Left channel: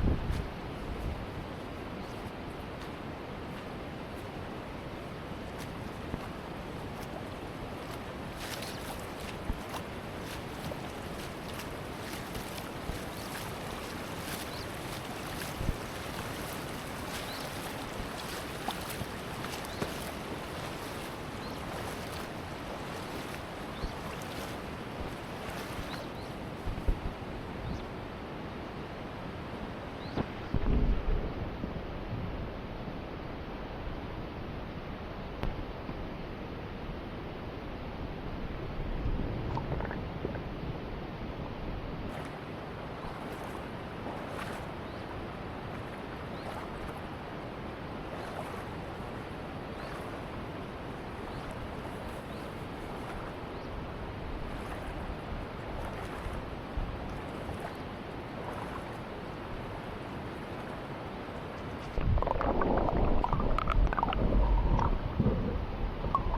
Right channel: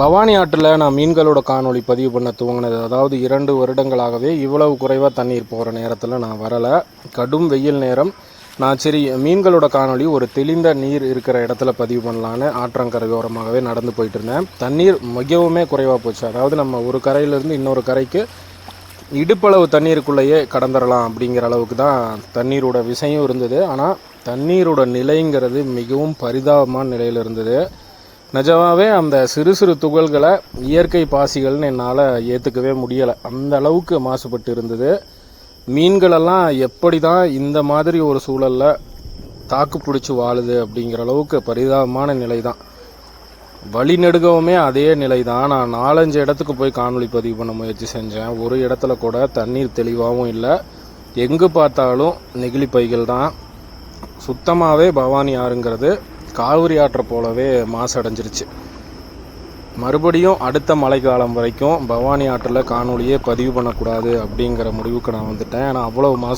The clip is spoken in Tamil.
பவானி ஆற்றில் நான் மீன்களோட காணொளி பதிவு பண்ண துவங்கினது, அதாவது 2 வருடங்களாகவே இவ்வளவு குறைவாக தண்ணீர் போகிற நேரத்தில் நான் வரலை. கடும் வெயில் நேரம். நான் சரி மீன்களோட காணொளி ஒரு தெளிந்த நீர் இருக்கிற இடத்துல பதிவு பண்ணலான்னு ஆற்றங்கரையோரமாகவே நடந்து போயிட்டு இருந்தேன். தண்ணீர் மிகவுமே குறைவாக போச்சு. அதாவது நம்ம ஒரு கரையிலேருந்து இன்னொரு கரைக்கு இடுப்பளவு தண்ணீருக்குள்ளேயே கடந்துடலாம் அப்படிங்கிற அளவுக்கு தான் தண்ணீரோட விஷயம் இருந்தது. ஆனால் தண்ணீரோட நிலைங்கிறது மிகவும் பரிதாபமான நிலையில் இருந்தது. நிஜமாகவே அந்த சிறு சிறு துகள்களை இயற்கை பாசிகள்னு என்னால் ஏற்றுக்கவே முடியலை. அந்த அளவுக்கு மாசுபட்டு இருந்தது. மீன்களெல்லாம் எப்படி தான் இந்த மாதிரி ஒரு சூழலில் தாக்கு பிடிச்சி வாழுது அப்படிங்கிற அளவுக்கு பரிதாபமான நிலை தான். வழிநெடுகவுமே அதே நிலை தான். நான் 4-5 இடத்துக்கு போய் காணொளி பதிவு பண்ண முயற்சி செஞ்சேன். ஒரு இடத்துல கூட தண்ணீர் தெளிவாகவும் இல்லை. எங்கே பார்த்தாலும் நெகிழி பைகள் தான். சுத்தமாகவே பவானி ஆறுங்கிறது காவிரி ஆற்றை போலவே மாசடைஞ்சிருச்சு. மறுபடியும் அடுத்த மழைக்காலம் வரைக்கும் பவானி ஆற்றில் காணொலியே பதிவு பண்ணக்கூடாது அப்படிங்கிற முடிவுக்கு நான் வந்துட்டேன். ஏன்னா அவ்வளோ மாசு